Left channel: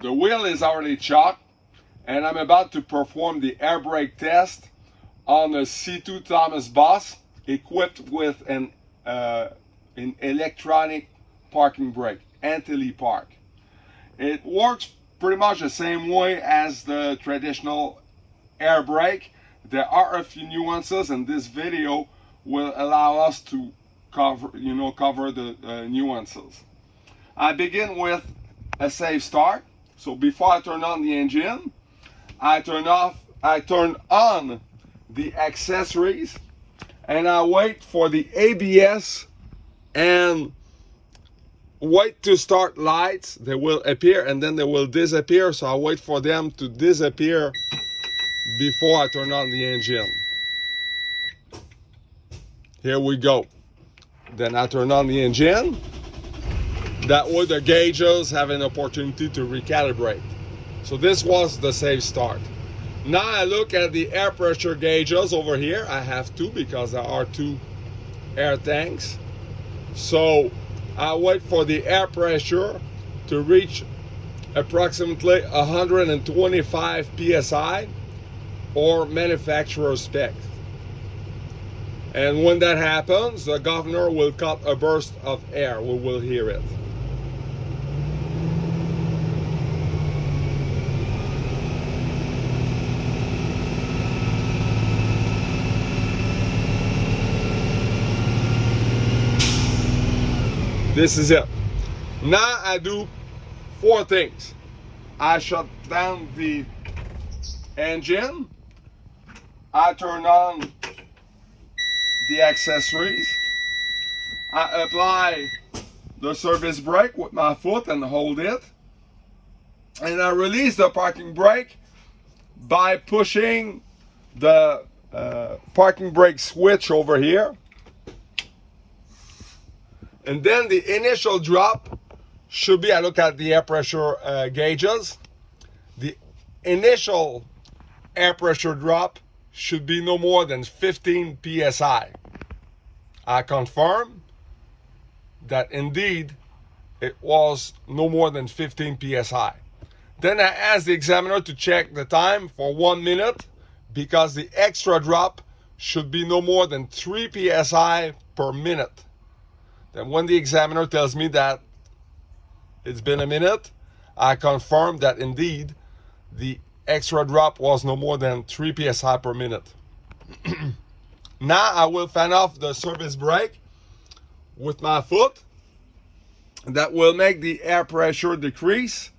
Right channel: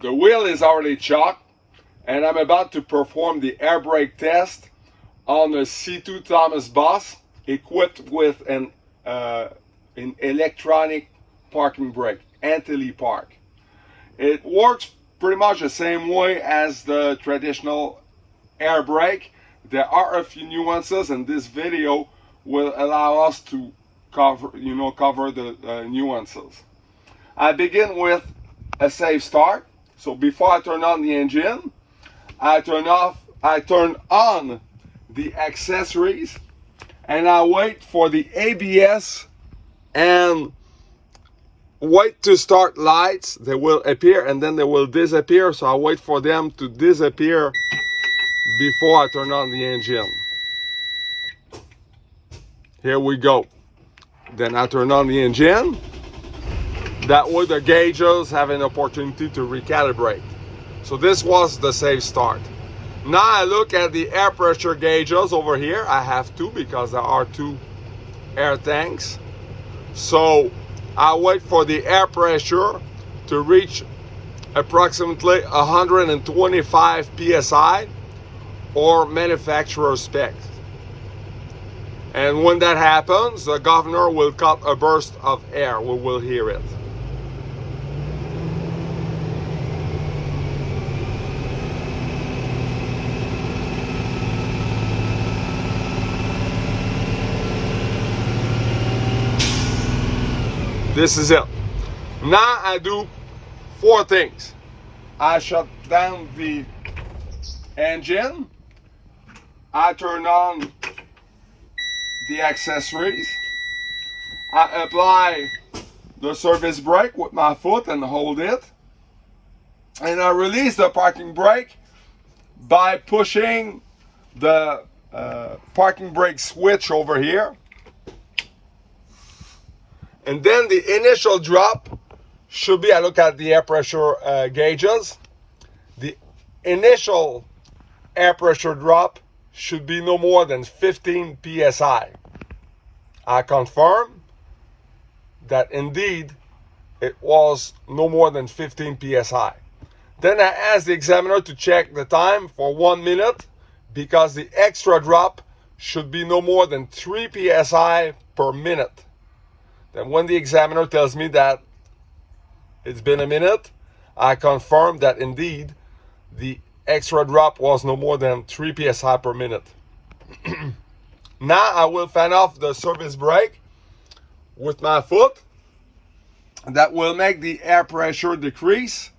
The wheel is already chocked, and I'm about to perform the air brake test on a C2 Thomas Boss equipped with an electronic parking brake, anti-park. It works pretty much the same way as the traditional air brake. There are a few nuances, and this video will allow us to cover the nuances. I begin with a safe start. So before I turn on the engine, I turn on the accessories, and I wait for the ABS and wait to start lights. They will appear and then they will disappear. So I wait for them to disappear before I turn on the engine. Here we go. Then I turn on the engine. That way the gauges have an opportunity to recalibrate. So this was the safe start. Now I look at the air pressure gauges over here. I have two because there are two air tanks. So I wait for the air pressure to reach approximately 125 psi or manufacturer spec. And when that happens, the governor will cut a burst of air. We will hear it. This is it. Now I do four things. I shut down the engine. I turn on the accessories. I apply the service brake with my foot and hold it. And I release the parking brake by pushing the parking brake switch over here. And then the initial drop should be, I look at the air pressure gauges. The initial air pressure drop should be no more than 15 psi. I confirm that indeed it was no more than 15 psi. Then I ask the examiner to check the time for 1 minute because the extra drop should be no more than 3 psi per minute. Then when the examiner tells me that it's been a minute, I confirm that indeed the extra drop was no more than 3 psi per minute. Now I will fan off the service brake with my foot. That will make the air pressure decrease.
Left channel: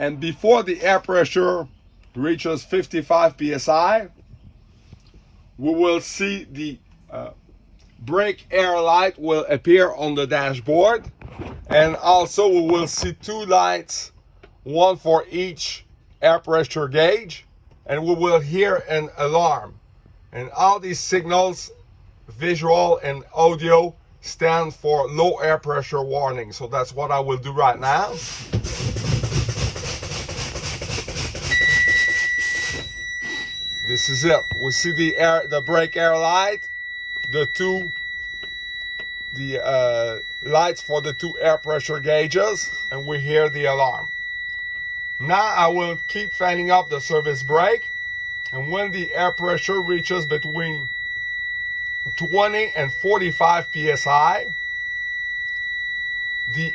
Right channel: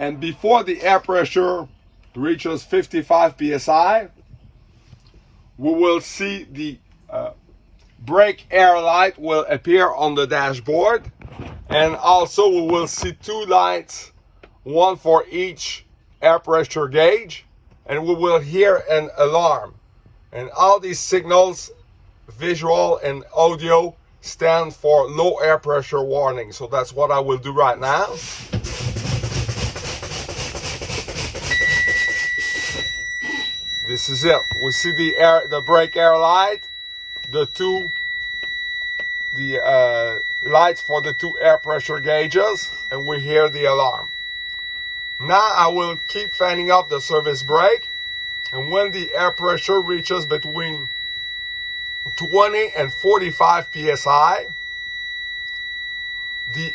And before the air pressure reaches 55 psi, we will see the brake air light will appear on the dashboard, and also we will see two lights, one for each air pressure gauge, and we will hear an alarm. And all these signals, visual and audio, stand for low air pressure warning. So that's what I will do right now. This is it. We see the brake air light, the lights for the two air pressure gauges, and we hear the alarm. Now I will keep fanning up the service brake, and when the air pressure reaches between 20 and 45 psi, the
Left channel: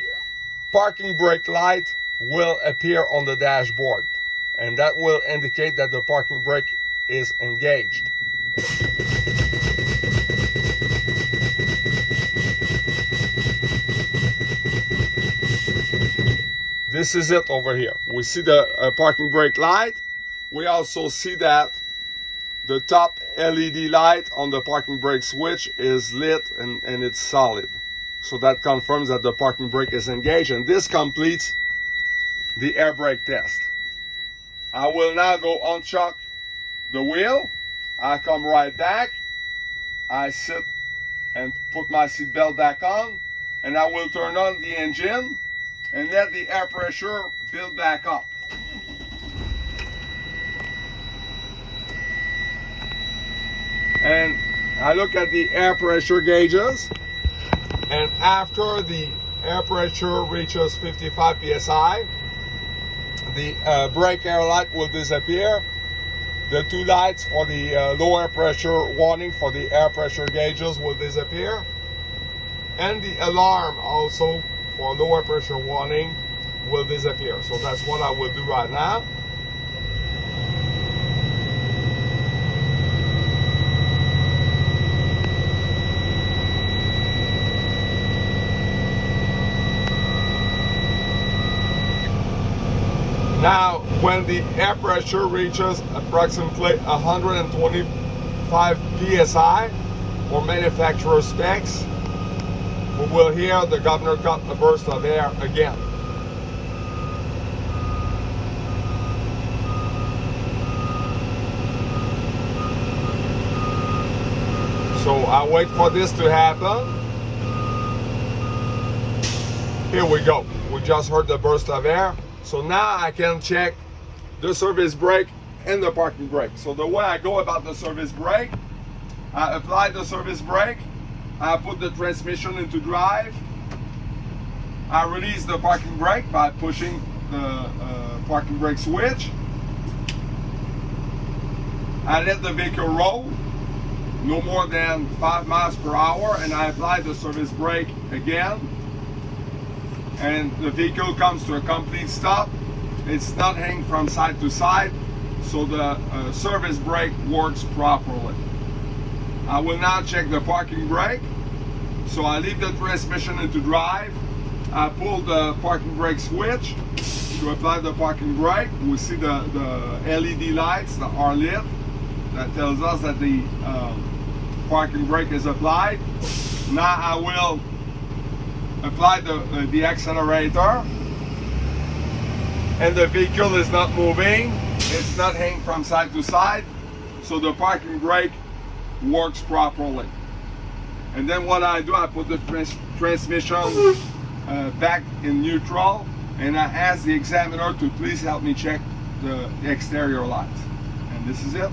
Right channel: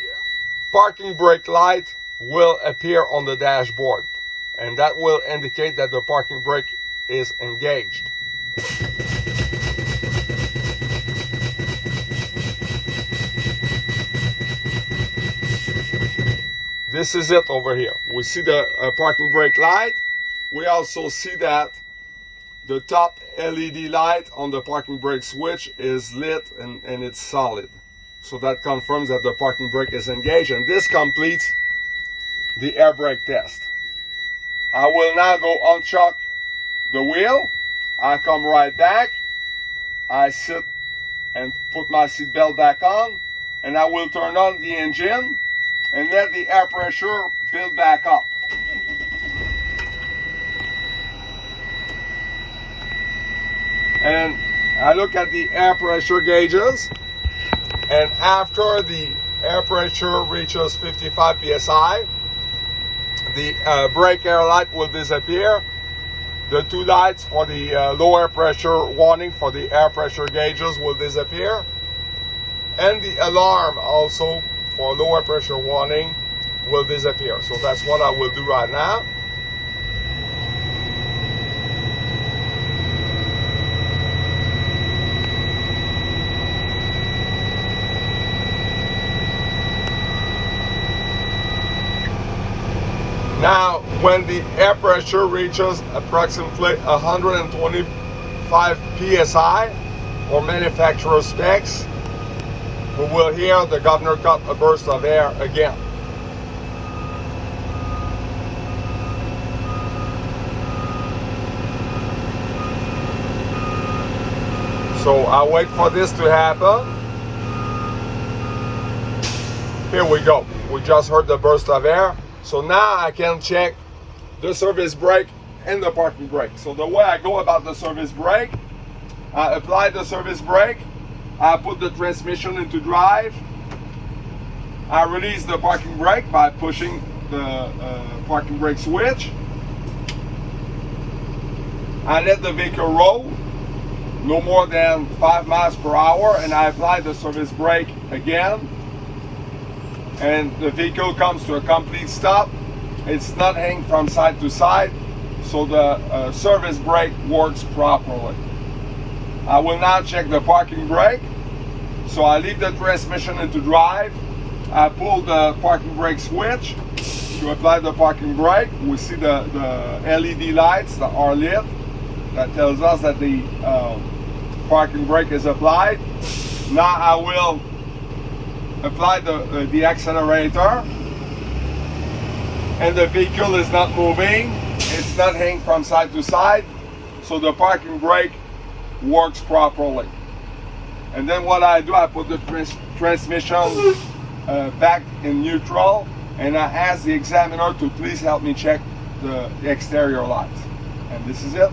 parking brake light will appear on the dashboard, and that will indicate that the parking brake is engaged. This is it over here. We see the parking brake light. We also see that the top LED light on the parking brake switch is lit and it's solid. So that confirms that the parking brake is engaged, and this completes the air brake test. I will now go unchock the wheel. I come right back. I sit and put my seat belt back on, and I will turn on the engine and let the air pressure build back up. And I look at the air pressure gauges, and after the air pressure reaches 55 psi, the brake air light will disappear. The two lights for the lower pressure warning for the air pressure gauges will disappear. And the alarm also for lower pressure warning will disappear. So that's what I will do right now. Now, when the air pressure reaches approximately 125 psi or manufacturer specs, we will hear the governor cut a burst of air again. So I'll wait for this to happen. Here we go. We just heard the burst of air. So now I can check the service brake and the parking brake. So the way I go about the service brake, I apply the service brake, I put the transmission into drive, I release the parking brake by pushing the parking brake switch, I let the vehicle roll no more than 5 miles per hour, and I apply the service brake again, and the vehicle comes to a complete stop. It's not hanging from side to side, so the service brake works properly. I will now check the parking brake. So I leave the transmission into drive. I pull the parking brake switch to apply the parking brake. We see the LED lights that are lit. That tells us that the parking brake is applied. Now I will apply the accelerator, and the vehicle is not moving, it's not hanging from side to side, so the parking brake works properly. And then what I do, I put the transmission back in neutral, and I ask the examiner to please help me check the exterior lights. And this is it.